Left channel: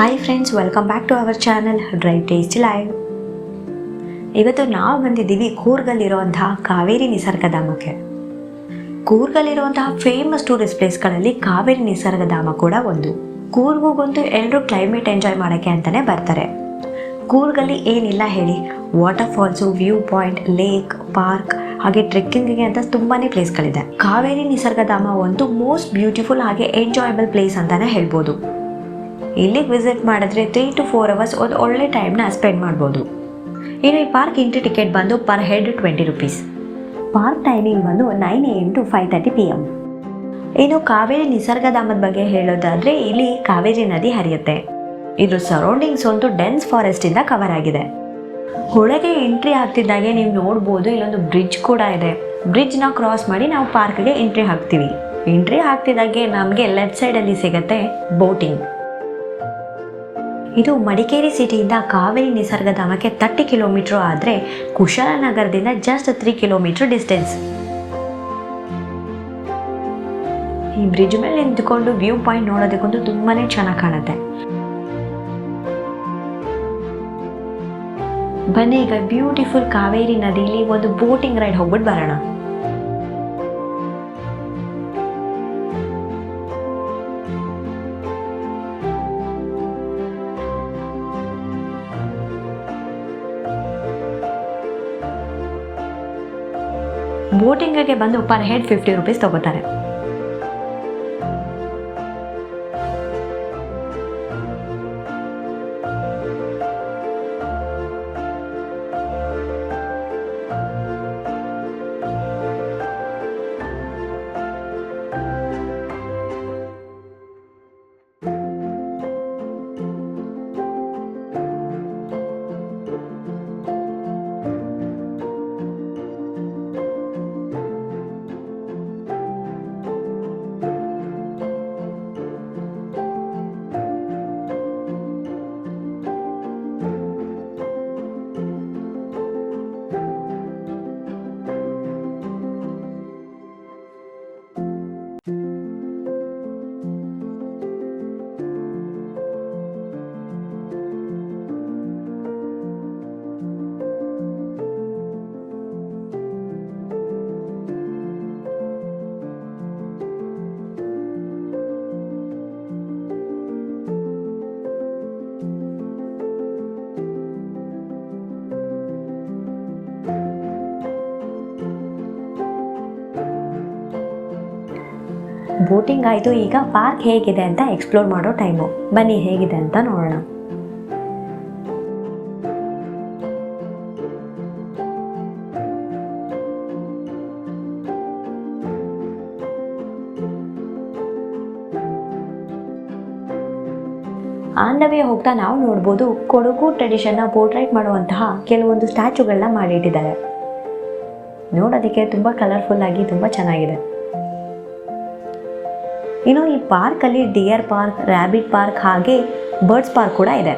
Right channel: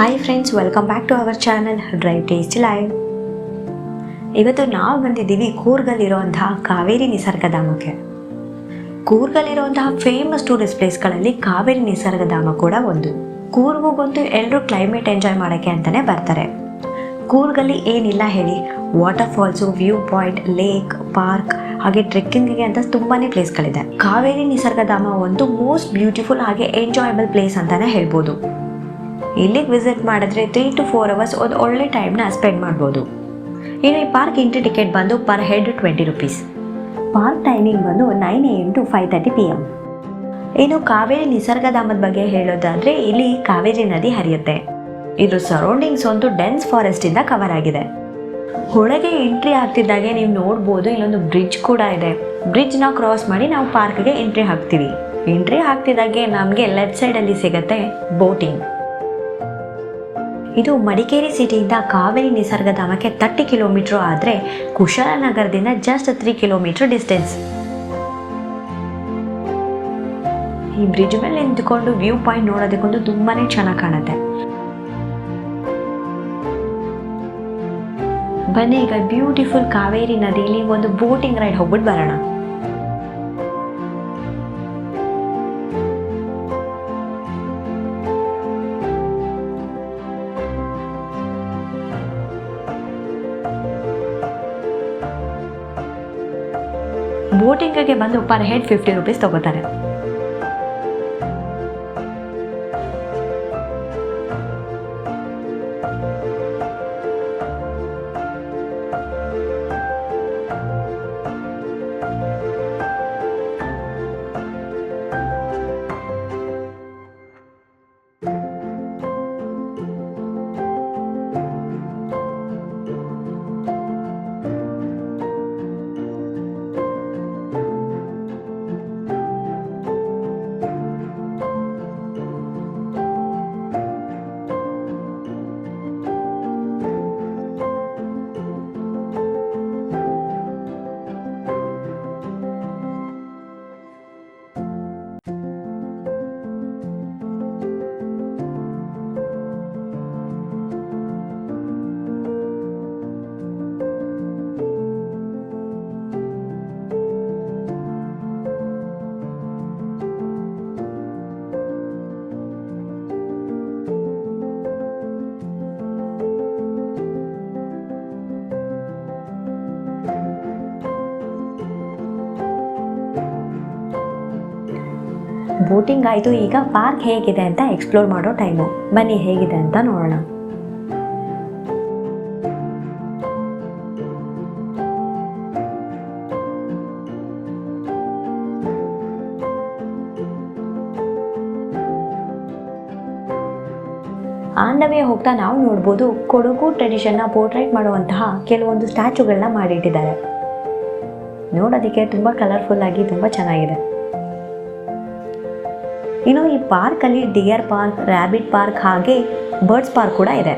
Hi friends, welcome back to our channel drive taste live. ಇವತ್ತು ನಾವು ಬಂದಿದ್ದೀವಿ ಕೂರ್ಗಲ್ಲಿರುವಂತಹ ಕಾವೇರಿ ನಿಸರ್ಗಧಾಮಕ್ಕೆ. ಕೂರ್ಗಲ್ಲಿರುವಂತಹ ಫೇಮಸ್ ಟೂರಿಸ್ಟ್ ಪ್ಲೇಸ್ಗಳಲ್ಲಿ ಕಾವೇರಿ ನಿಸರ್ಗಧಾಮ ಕೂಡ ಒಂದು. ಕೂರ್ಗಂತೂ ಎಲ್ಲರೂ ಕ್ಲೈಮೇಟ್ ಎಂಜಾಯ್ ಮಾಡೋಕ್ಕೆ ಅಂತಲೇ ಬರ್ತಾರೆ. ಕೂರ್ಗಲ್ಲಿ ಏನಿಲ್ಲ ಹೇಳಿ, ವಾಟರ್ಫಾಲ್ಸು, ವ್ಯೂ ಪಾಯಿಂಟ್, ಲೇಕ್, ಪಾರ್ಕ್, ಹಾಗೆ ಟ್ರೆಕ್ಕಿಂಗಿಗೆ ಅಂತ ತುಂಬಾ ಪ್ಲೇಸ್ಗಳಿದೆ. ಕಾವೇರಿ ನಿಸರ್ಗಧಾಮ ಒಂದು ಮೋಸ್ಟ್ ಬ್ಯೂಟಿಫುಲ್ ಹಾಗೆ ಎಂಜಾಯಬಲ್ ಪ್ಲೇಸ್ ಅಂತಲೇ ಹೇಳ್ಬೋದು. ಇಲ್ಲಿಗೆ ವಿಸಿಟ್ ಮಾಡಿದ್ರೆ 3 to 4 hours ಒಂದು ಒಳ್ಳೆ ಟೈಮ್ನ ಸ್ಪೆಂಡ್ ಮಾಡ್ಬೋದು. ಇನ್ನು ಈ ಪಾರ್ಕ್ ಎಂಟ್ರಿ ಟಿಕೆಟ್ ಬಂದು per head 20 rupees. Park timing ಬಂದು 9 AM to 5:30 PM. ಇನ್ನು ಕಾವೇರಿ ನಿಸರ್ಗಧಾಮದ ಬಗ್ಗೆ ಹೇಳೋದಾದರೆ, ಇಲ್ಲಿ ಕಾವೇರಿ ನದಿ ಹರಿಯುತ್ತೆ. ಇದ್ರ ಸರೌಂಡಿಂಗ್ಸ್ ಒಂದು ಡೆನ್ಸ್ ಫಾರೆಸ್ಟಿಂದ ಕವರ್ ಆಗಿದೆ. ಒಳಗೆ ಎಂಟ್ರಿ ಆಗ್ತಿದ್ದಾಗೆ ನೀವು ನೋಡ್ಬೋದು, ಇಲ್ಲೊಂದು ಬ್ರಿಡ್ಜ್ ಕೂಡ ಇದೆ. ಬ್ರಿಡ್ಜ್ನ ಕ್ರಾಸ್ ಮಾಡಿ ನಾವು ಪಾರ್ಕ್ಗೆ ಎಂಟ್ರಿ ಹಾಕ್ತೀವಿ. ಎಂಟ್ರಿ ಹಾಕ್ತಿದ್ದಾಗೆ ನಮಗೆ ಲೆಫ್ಟ್ ಸೈಡಲ್ಲಿ ಸಿಗುತ್ತೆ ಬೋಟಿಂಗ್. ಇದು ಮಡಿಕೇರಿ ಸಿಟಿಯಿಂದ ಕಾವೇರಿ ನಿಸರ್ಗಧಾಮಕ್ಕೆ 30 ಕಿಲೋಮೀಟ್ರ್ ಆದರೆ ಕುಶಾಲನಗರದಿಂದ ಜಸ್ಟ್ 3 ಕಿಲೋಮೀಟ್ರ್ ಡಿಸ್ಟೆನ್ಸ್. ಈ ಬ್ರಿಡ್ಜ್ ಮೇಲೆ ನಿಂತ್ಕೊಂಡು ವ್ಯೂ ಪಾಯಿಂಟ್ ನೋಡೋದಕ್ಕಂತೂ ತುಂಬಾ ಚೆನ್ನಾಗಿ ಕಾಣುತ್ತೆ. ಬನ್ನಿ ಈಗ ಬ್ಯೂಟಿಫುಲ್ ಕಾವೇರಿ ನದಿಲಿ ಒಂದು ಬೋಟಿಂಗ್ ರೈಡ್ ಹೋಗ್ಬಿಟ್ಟು ಬರೋಣ. ಬೋಟಿಂಗಿಗೆ ಬಂದು ಪರ್ ಹೆಡ್ 50 rupees ತಗೋತಾರೆ. ಬೋಟಿಂಗ್ ಆಯಿತು, ಈಗ ಪಾರ್ಕ್ ಹೇಗಿದೆ ಅಂತ ಎಕ್ಸ್ಪ್ಲೋರ್ ಮಾಡೋ ಟೈಮು. ಬನ್ನಿ ಹೇಗಿದೆ ಅಂತ ನೋಡೋಣ. ಆನ್ ದ ವೇ ಹೋಗ್ತಾ ನಾವು ನೋಡ್ಬೋದು, ಕೊಡಗು ಟ್ರೆಡಿಷನ್ನ ಪೋರ್ಟ್ರೈಟ್ ಮಾಡುವಂತಹ ಕೆಲವೊಂದು ಸ್ಟ್ಯಾಚುಗಳನ್ನ ಮಾಡಿಟ್ಟಿದ್ದಾರೆ. ನೋಡೋದಕ್ಕೆ ತುಂಬ ಕಲರ್ಫುಲ್ ಆಗಿ ತುಂಬ ಚೆನ್ನಾಗಿದೆ. ಇನ್ನು ಈ ಪಾರ್ಕಲ್ಲಿ ಡಿಯರ್ ಪಾರ್ಕ್, ರ್ಯಾಬಿಟ್ ಪಾರ್ಕ್ ಹಾಗೆ ಬರ್ಡ್ಸ್ ಪಾರ್ಕ್ ಕೂಡ ಇದೆ.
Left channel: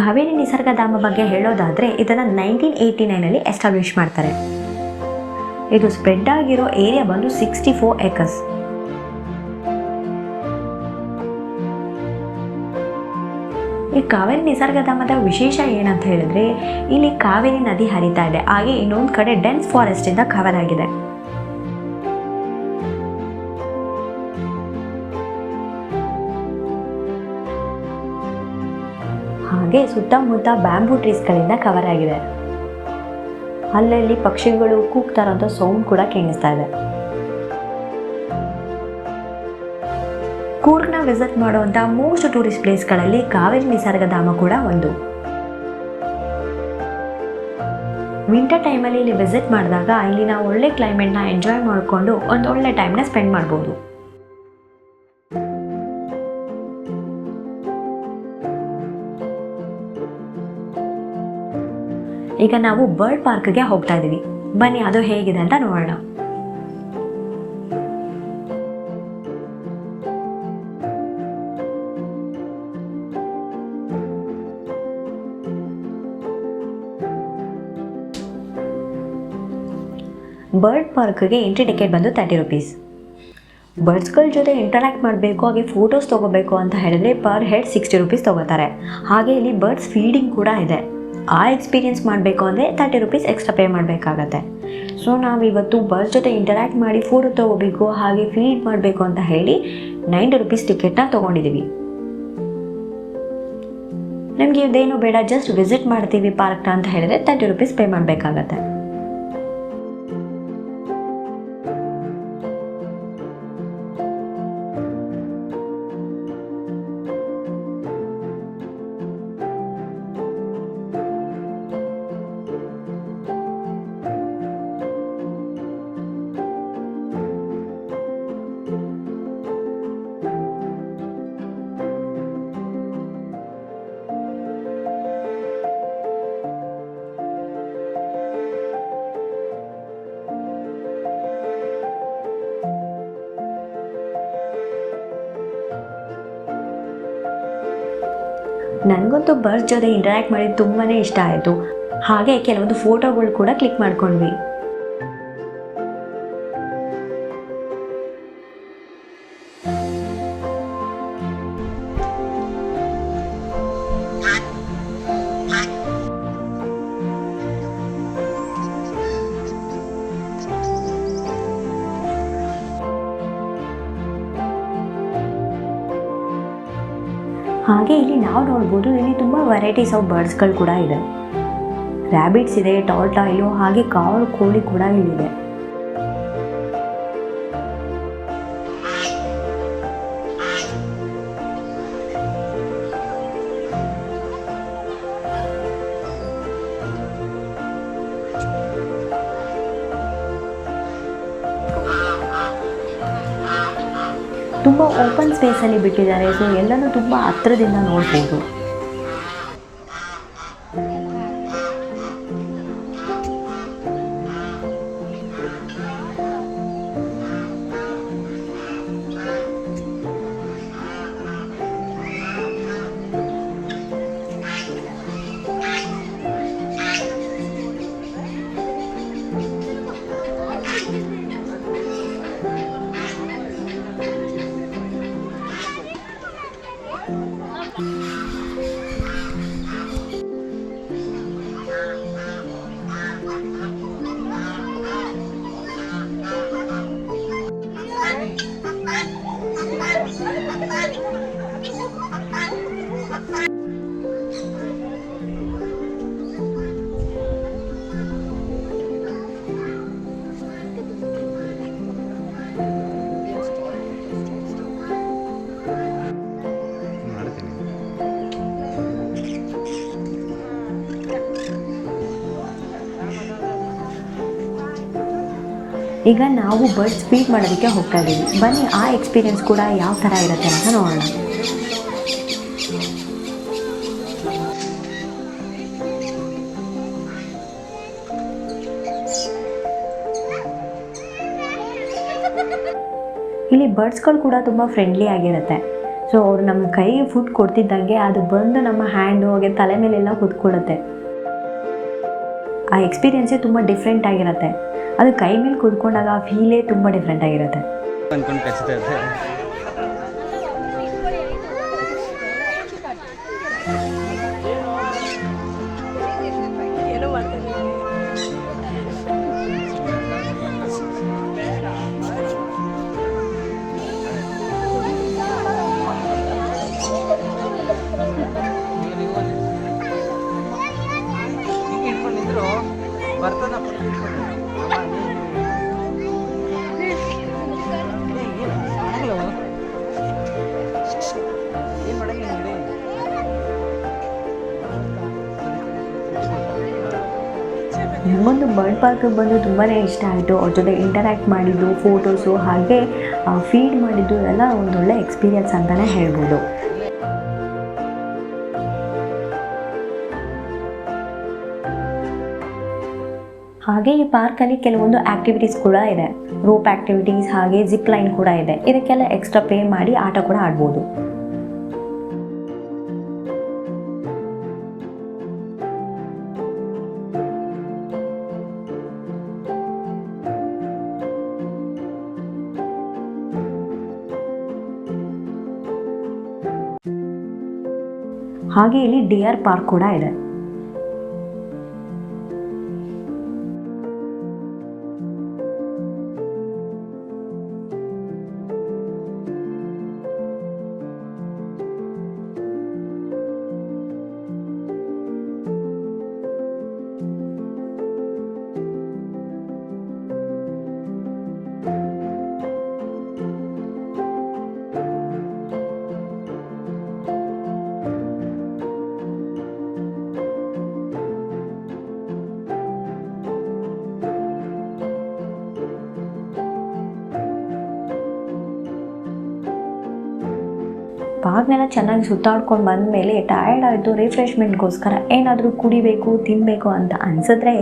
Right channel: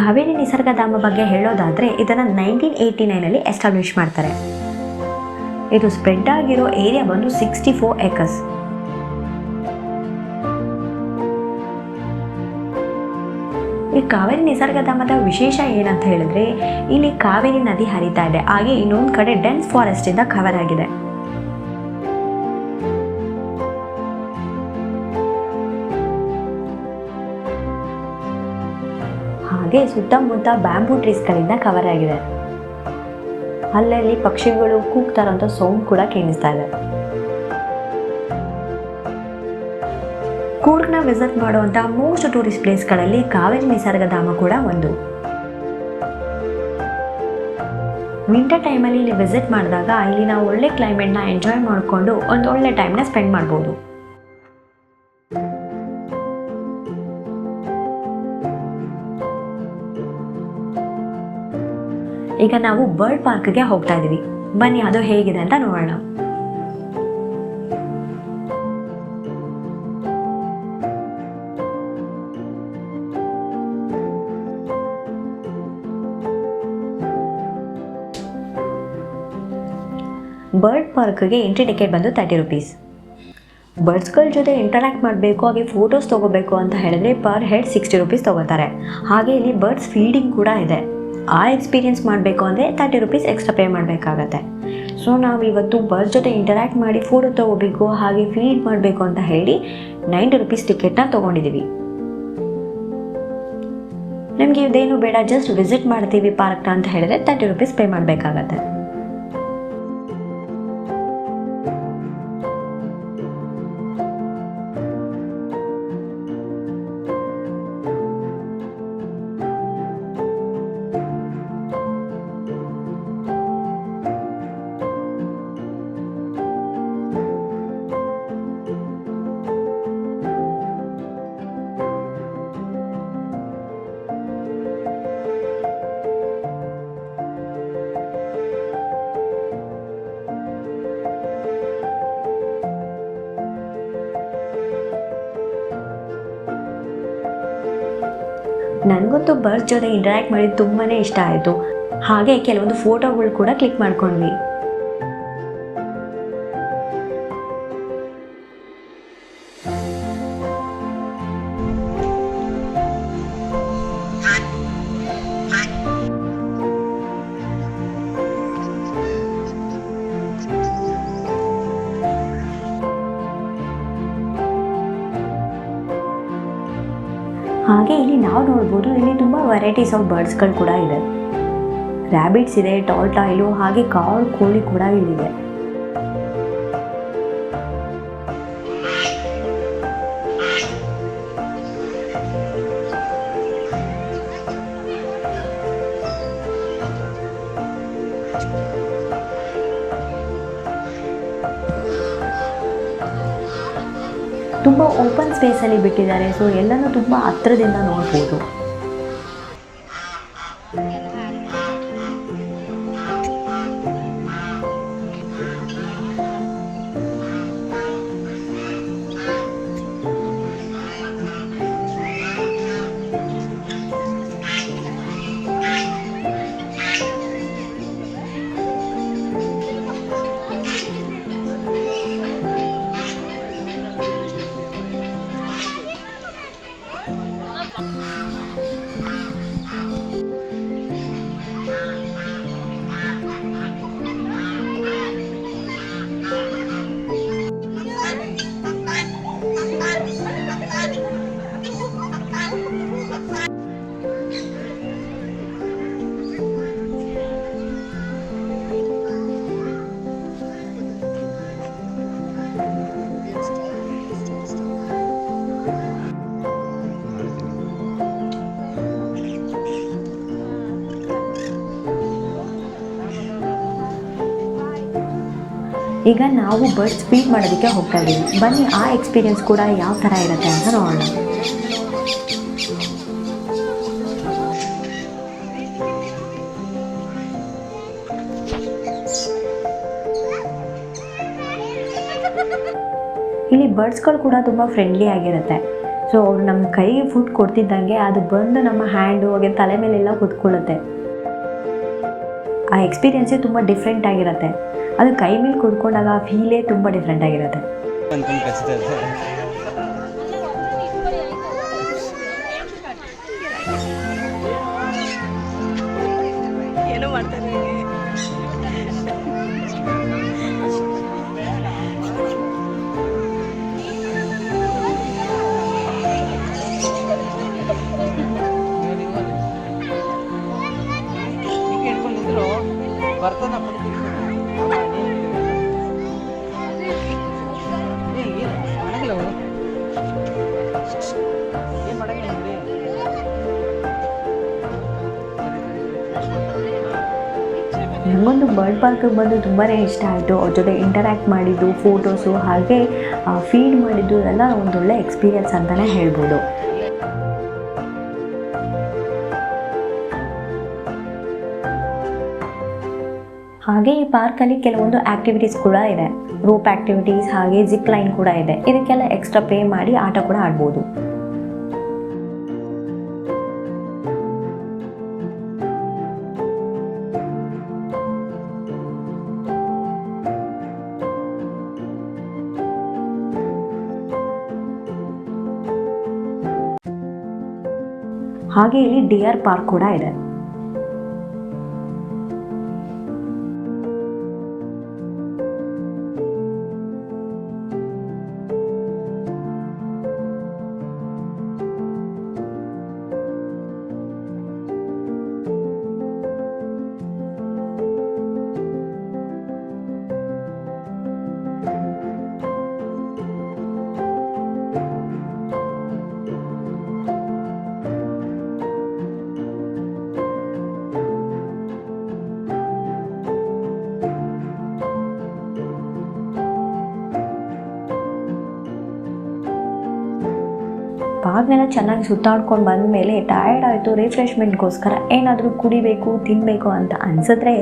ಕಾವೇರಿ ನಿಸರ್ಗಧಾಮ ಬಗ್ಗೆ ಹೇಳೋದಾದರೆ, ಇದನ್ನು 1989 ಎಸ್ಟಾಬ್ಲಿಷ್ ಮಾಡ್ತಾರೆ. ಇದು ಸ್ಪ್ರೆಡ್ ಆಗಿರೋ ಏರಿಯಾ ಬಂದು 64 acres. ಈ ಕಾವೇರಿ ನಿಸರ್ಗಧಾಮದ ವಿಶೇಷ ಏನಂತ ಹೇಳಿದ್ರೆ, ಇಲ್ಲಿ ಕಾವೇರಿ ನದಿ ಹರಿತಾ ಇದೆ, ಹಾಗೆ ಇನ್ನೊಂದು ಕಡೆ ಡೆನ್ಸ್ ಫಾರೆಸ್ಟಿಂದ ಕವರ್ ಆಗಿದೆ. ಹಾಗೆ ಸುತ್ತಮುತ್ತ ಬ್ಯಾಂಬೂ ಟ್ರೀಸ್ಗಳಿಂದ ಕವರ್ ಆಗಿದೆ. ಅಲ್ಲಲ್ಲಿ ಪಕ್ಷಿಗಳು ಕೂಗ್ತಾರಂತ ಸೌಂಡ್ ಕೂಡ ಕೇಳಿಸ್ತಾ ಇದೆ. ಕೂರ್ಗ್ನ ವಿಸಿಟ್ ಮಾಡುವಂಥ ಮೋಸ್ಟ್ ಟೂರಿಸ್ಟ್ ಪ್ಲೇಸ್ಗಳಲ್ಲಿ ಕಾವೇರಿ ನಿಸರ್ಗಧಾಮ ಕೂಡ ಒಂದು. ವಿಂಟರ್ ಟೈಮಲ್ಲಿ ಇಲ್ಲಿ ವಿಸಿಟ್ ಮಾಡಿದಾಗ ಇಲ್ಲಿ ನಾವು ಒಳ್ಳೆ ಕ್ಲೈಮೇಟ್ನ ಎಂಜಾಯ್ ಮಾಡಿಕೊಂಡು ಒಂದು ಒಳ್ಳೆ ಟೈಮ್ನ ಸ್ಪೆಂಡ್ ಮಾಡ್ಬೋದು. ಈಗ ನಾವು ಬರ್ಡ್ ಪಾರ್ಕ್ಗೆ ಹೋಗ್ತಾ ಇದ್ದೀವಿ. ಬನ್ನಿ ಅದು ಹೇಗಿದೆ ಅಂತ ನೋಡೋಣ. ಬರ್ಡ್ ಪಾರ್ಕ್ಗೆ ಎಂಟ್ರಿ ಟಿಕೆಟ್ ಬಂದು 30 rupees. ಬರ್ಡ್ಸ್ಗಳ ಜೊತೆ ಇಂಟರಾಕ್ಟ್ ಮಾಡಬೇಕು, ಹಾಗೆ ಫೋಟೋಸ್ ತೊಗೋಬೇಕು ಅಂತ ಹೇಳಿದ್ರೆ ಪರ್ ಹೆಡ್ 60 ರೂಪೀಸ್ ತೊಗೋತಾರೆ. ಹಾಗೆ ಇಲ್ಲಿ ಬರ್ಡ್ಸ್ ಫೀಡಿಂಗ್ ಕೂಡ ಇದೆ. ಆ ಎಕ್ಸ್ಪೀರಿಯೆನ್ಸ್ ಮಾಡಬೇಕು ಅಂದರೆ 30 ರೂಪೀಸ್ ಎಕ್ಸ್ಟ್ರಾ ಪೇ ಮಾಡಬೇಕಾಗತ್ತೆ. ಸೊ ನಾವು ಇವತ್ತು ಬರ್ಡ್ಸ್ ಜೊತೆ ಇಂಟರಾಕ್ಟ್ ಮಾಡಿ ಫೋಟೋ ತೊಗೋಬೇಕು, ಹಾಗೆ ಫೀಡ್ ಮಾಡಬೇಕು ಅಂತ ಹೇಳಿ 90 ರೂಪೀಸ್ ಟಿಕೆಟ್ನ ತೊಗೊಂಡಿದ್ದೀವಿ. ನಿಮಗೆ ಇದೇನು ಬೇಡ, ಜಸ್ಟ್ ವಿಸಿಟ್ ಮಾಡ್ತೀವಿ ಪಾರ್ಕ್ನ ಅಂತ ಹೇಳಿದ್ರೆ 30 ರೂಪೀಸ್ ಪೇ ಮಾಡಬೇಕಾಗತ್ತೆ. ನನಗಂತೂ ಬರ್ಡ್ಸ್ ಜೊತೆ ಇಂಟರಾಕ್ಟ್ ಮಾಡಿದ್ದು ತುಂಬಾ ಇಷ್ಟ ಆಯಿತು. ಹಾಗೆ ಕೆಲವೊಂದು ಫೋಟೋಗಳು ಕೂಡ ಕ್ಲಿಕ್ ಮಾಡ್ಕೊಂಡ್ವಿ. ಹಾಗೆ ಇಲ್ಲಿ ನಾವು ನೋಡ್ಬೋದು, ಇಲ್ಲಿ ತುಂಬ ವೆರೈಟೀಸ್ ಆಫ್ ಬರ್ಡ್ಸ್ಗಳು ಕೂಡ ಇದೆ. ರ್ಯಾಬಿಟ್ಸ್ ಇದೆ, ಟಾರ್ಟಾಯ್ಲು, ಹಾಗೆ ಕಾರ್ ಕೋಳಿ ಕೂಡ ಇಲ್ಲಿದೆ. ತುಂಬ ಓಪನ್ ಸ್ಪೇಸಲ್ಲಿ ಬಿಟ್ಟಿದ್ದಾರೆ, ಸೊ ಎಲ್ಲನೂ ತುಂಬ ಹತ್ತಿರದಿಂದ ನೋಡ್ಬೋದು. ಈಗ ನಾವು ಬರ್ಡ್ಸ್ ಫೀಡ್ ಮಾಡೋದಕ್ಕೆ ಹೋಗ್ತಾ ಇದ್ದೀವಿ. ಬನ್ನಿ ಆ ಎಕ್ಸ್ಪೀರಿಯೆನ್ಸ್ ಕೂಡ ಯಾವ ಥರ ಇರುತ್ತೆ ಅಂತ ನೋಡೋಣ. ಇಲ್ಲಿ ಬರ್ಡ್ಸ್ಗಳು ಕೂಡ ತುಂಬ ಫ್ರೆಂಡ್ಲಿ ಆಗಿರುತ್ತೆ. ಸೊ ಅವರು ನಮ್ಮ ಕೈಗೆ ಫುಡ್ ಕೊಡ್ತಿದ್ದಂಗೆ ಅದು ಬಂದು ನಮ್ಮ ಹ್ಯಾಂಡು ಹಾಗೆ ತಲೆ ಮೇಲೆಲ್ಲ ಕೂತ್ಕೊಳ್ಳುತ್ತೆ. ಆ ಎಕ್ಸ್ಪೀರಿಯೆನ್ಸೇ ತುಂಬ ಡಿಫ್ರೆಂಟ್ ಆಗಿರುತ್ತೆ. ಅದು ಕೈ ಮೇಲೆ ಕೂತ್ಕೊಂಡಾಗ ಆ ಫೀಲೇ ತುಂಬ ಡಿಫ್ರೆಂಟ್ ಆಗಿರುತ್ತೆ. ಏನೋ ಮಾಡ್ತಾರೆ. ಬರ್ತಾನ ಏನು ಮಾಡಂಗಿಲ್ಲ. ನನಗೊಂದು ಬರ್ಡ್ ಪಾರ್ಕಿಗೆ ಬಂದು ತುಂಬಾ ಇಷ್ಟ ಆಯಿತು. ಅವ್ರ ಜೊತೆ ಇಂಟರ್ಯಾಕ್ಟ್ ಮಾಡಿದ್ದು, ಫೋಟೋಸು ಹಾಗೆ ಫೀಡ್ ಮಾಡಿದ್ದು ಎಲ್ಲ ಒಂದೊಳ್ಳೆ ಎಕ್ಸ್ಪೀರಿಯನ್ಸ್ ಅಂತಲೇ ಹೇಳ್ಬೋದು. ಹಾಗೆ ಈ ಪಾರ್ಕಲ್ಲಿ ಕೆಲವೊಂದು ಆ್ಯಕ್ಟಿವಿಟೀಸ್ ಕೂಡ ಇದೆ. ರೋಪ್ ಆ್ಯಕ್ಟಿವಿಟೀಸ್ ಹಾಗೆ ಜಿಪ್ ಲೈನ್ ಕೂಡ ಇದೆ. ಇದಕ್ಕೆಲ್ಲ ಎಕ್ಸ್ಟ್ರಾ ಪೇ ಮಾಡಿ ಆಟ ಕೂಡ ಆಡ್ಬೋದು. ಹಾಗೆ ಇಲ್ಲಿ ಡಿಯರ್ ಪಾರ್ಕ್ ಕೂಡ ಇದೆ. ಪಾರ್ಕ್ನೆಲ್ಲ ಚೆನ್ನಾಗಿ ಸುತ್ತಾಡ್ಕೊಂಡು ಬಂದಮೇಲೆ ಟಯರ್ಡ್ ಆಯಿತು, ರಿಫ್ರೆಶ್ಮೆಂಟ್ಗೋಸ್ಕರ ಏನಾದರೂ ಕುಡಿಬೇಕು ತಿನ್ನಬೇಕು ಅಂತ ಅನಿಸಿದ್ರೆ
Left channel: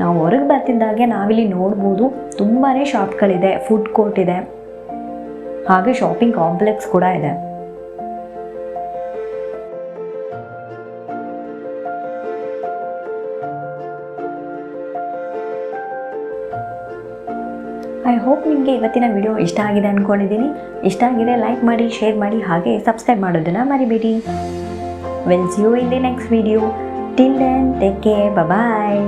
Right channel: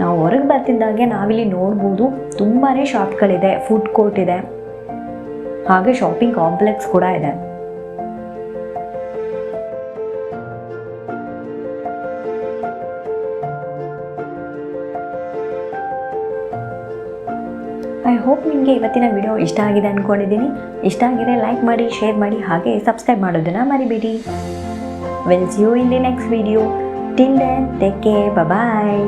ನಾವು ಹೊರಗೆ ಬರ್ತಿದ್ದಾಗೆ ನಾವಿಲ್ಲಿ ನೋಡ್ಬೋದು ತುಂಬಾ ಶಾಪ್ಗಳಿದೆ, ಫುಡ್ ಕೋರ್ಟ್ ಇದೆ, ಹಾಗೆ ಶಾಪಿಂಗ್ ಕಾಂಪ್ಲೆಕ್ಸ್ ಕೂಡ ಇದೆ. ಐ ಹೋಪ್ ನಿಮಗೆ ಇವತ್ತಿನ ವಿಡಿಯೋ ಇಷ್ಟ ಆಗಿದೆ ಅಂದ್ಕೊಂಡಿದ್ದೀನಿ. ಇಷ್ಟ ಆಗಿದೆ ಲೈಕ್ ಮಾಡಿ, ಶೇರ್ ಮಾಡಿ, ಹಾಗೆ ಸಬ್ಸ್ಕ್ರೈಬ್ ಮಾಡೋದನ್ನು ಮರಿಬೇಡಿ. Will see you in the next video. Till then take care, bye.